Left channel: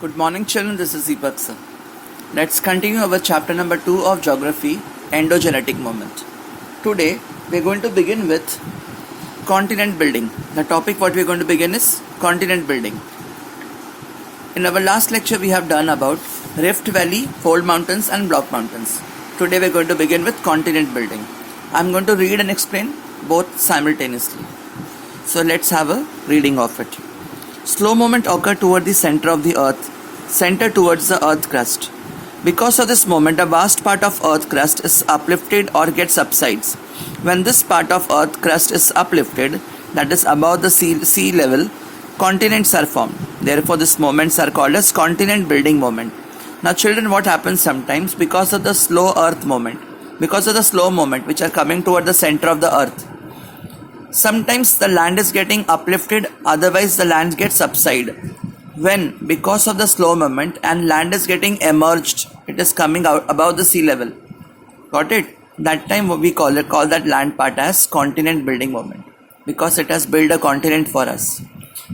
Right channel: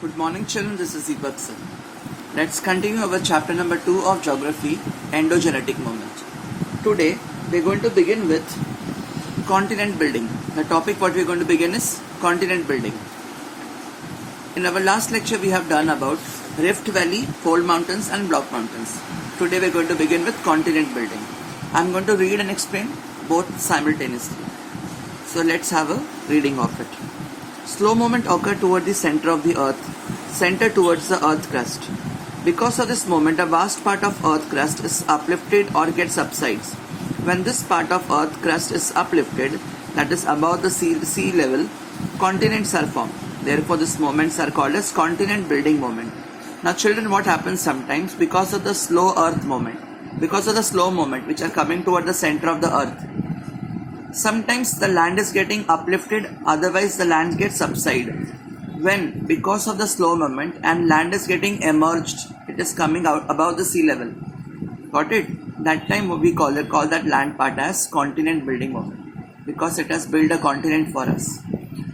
Good morning, children. This is Deepak sir. Let's continue our chapter number 2 of Geography, Endogenetic Moment. Today, we're going to begin with continent building. The topic what we're going to begin is continent building. In our last lecture, we have done about Rift Valley, Fold Mountains and Block Mountains. Today, we're going to begin with continent building. I'm going to read and explain both simultaneously. So let's have a reading of it. Slow movement occur toward the center of the earth, center towards the earth crust. Because of this movement, a vast part of earth crust is uplifted or gets subsides. When this part of earth crust is uplifted, that is above the sea level, continents are formed. Therefore, these moments are called as continent building moment. Now children, what happens sometimes because of the slow earth movement, because of the slow movement which are coming toward the center of the earth, sometimes the land is getting uplifted, otherwise the land gets subsided. When because of the slow movement and land is getting emerged, it is coming out above the sea level. Got it? That time we call that land part as continent building moment, because it has built a continent for us.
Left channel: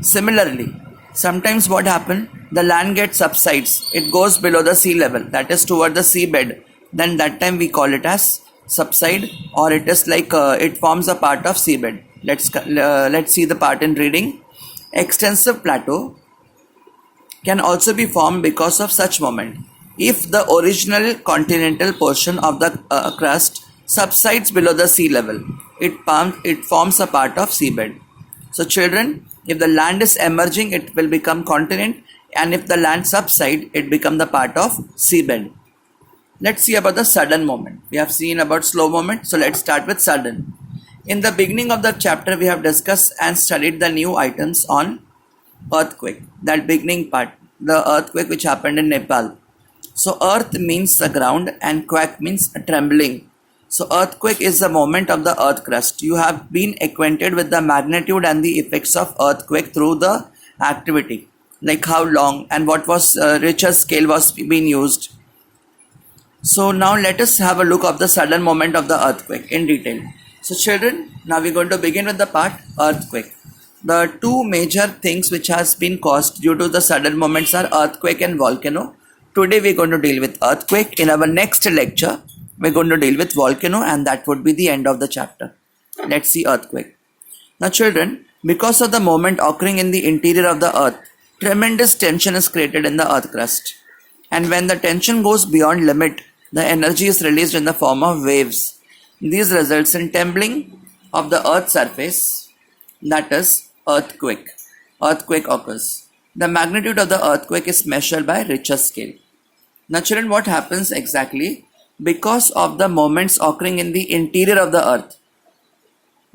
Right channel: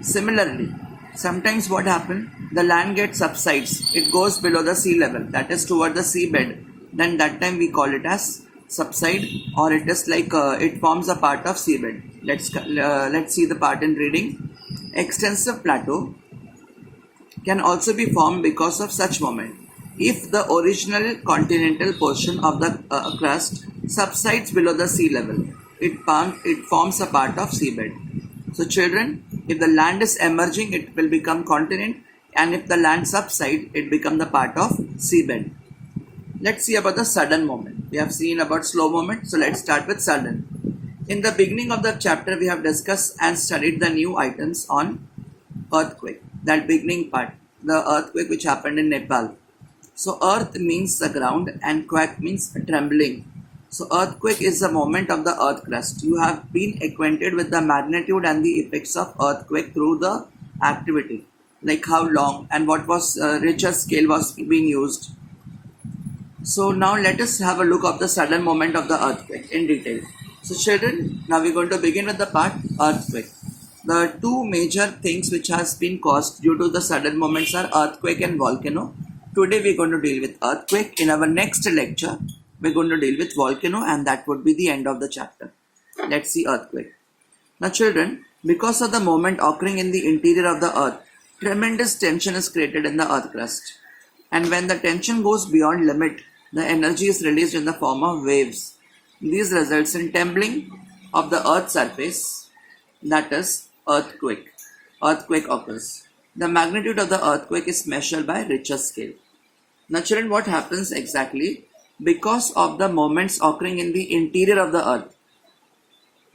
Similarly, sometimes what happens, the land gets subsides, it goes below the sea level, that is toward the seabed. Then that time we call it as subside, or it is like it forms a part of seabed. Let's see the part in reading. Extensive plateau can also be formed because of such moment. If the original continental portion of the crust subsides below the sea level, it forms a part of seabed. So children, if the land is emerging, it will become continent, and if the land subsides, it becomes the part of seabed. Let's see about the sudden movement. We have seen about slow movement, so let's start with sudden. In the beginning of the chapter, we have discussed and studied the new items on earthquake. That beginning part, the earthquake which happened in Nepal. So earth means the ground and quake means trembling. So earthquake is the movement of the earth crust. You have been acquainted with the magnitude and the effects of earthquake through the activity, like how long and what was Richter scale was being used. So now let us have a look of the sudden moment of the earthquake in detail. So children, now we're going to begin with the part earthquake. The two major things which has been caused due to the sudden moments are earthquake and volcano. Today we're going to deal with earthquake. In our next lecture, we're going to deal with volcano, and that would be the end of the chapter. Let's see earthquake. Now children, because of the moment occurring in the interior of the earth, tremendous tension is created in the earth crust. And when the tension goes beyond limit, the energy is released in the form of waves. This results in trembling of the earth's surface, that is earthquake. Earthquake occurs. The magnitude of the earthquake is measured by Richter scale. Now children, what happens exactly? Because of the moments occurring in the interior of the earth,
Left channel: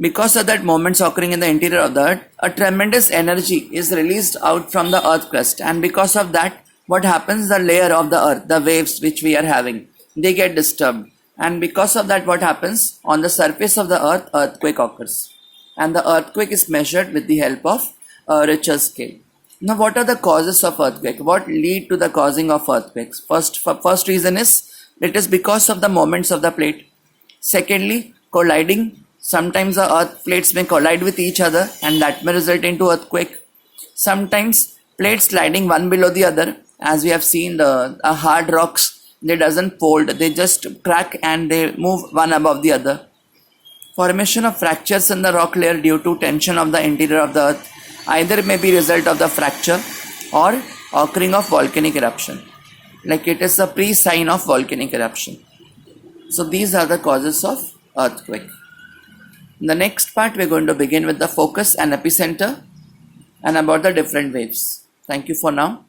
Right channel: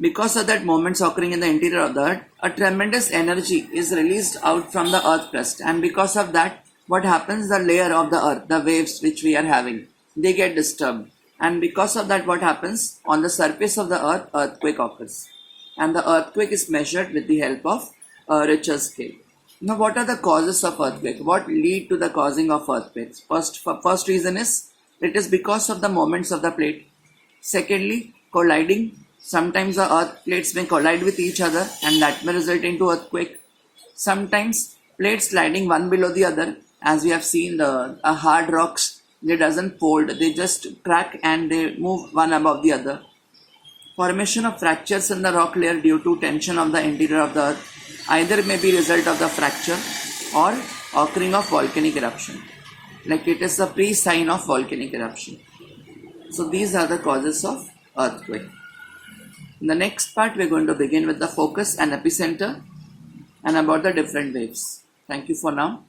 because of that moments occurring in the interior of the earth, a tremendous energy is released out from the earth crust, and because of that, what happens, the layer of the earth, the waves which we are having, they get disturbed, and because of that, what happens, on the surface of the earth, earthquake occurs, and the earthquake is measured with the help of Richter scale. Now what are the causes of earthquake? What lead to the causing of earthquakes? First reason is it is because of the moments of the plate. Secondly, colliding. Sometimes the earth plates may collide with each other, and that may result into earthquake. Sometimes plates sliding one below the other, as we have seen the hard rocks, they doesn't fold, they just crack and they move one above the other. Formation of fractures in the rock layer due to tension of the interior of the earth either may be result of the fracture or occurring of volcanic eruption, like it is a pre-sign of volcanic eruption. So these are the causes of earthquake. In the next part, we're going to begin with the focus and epicenter and about the different waves. Thank you for now.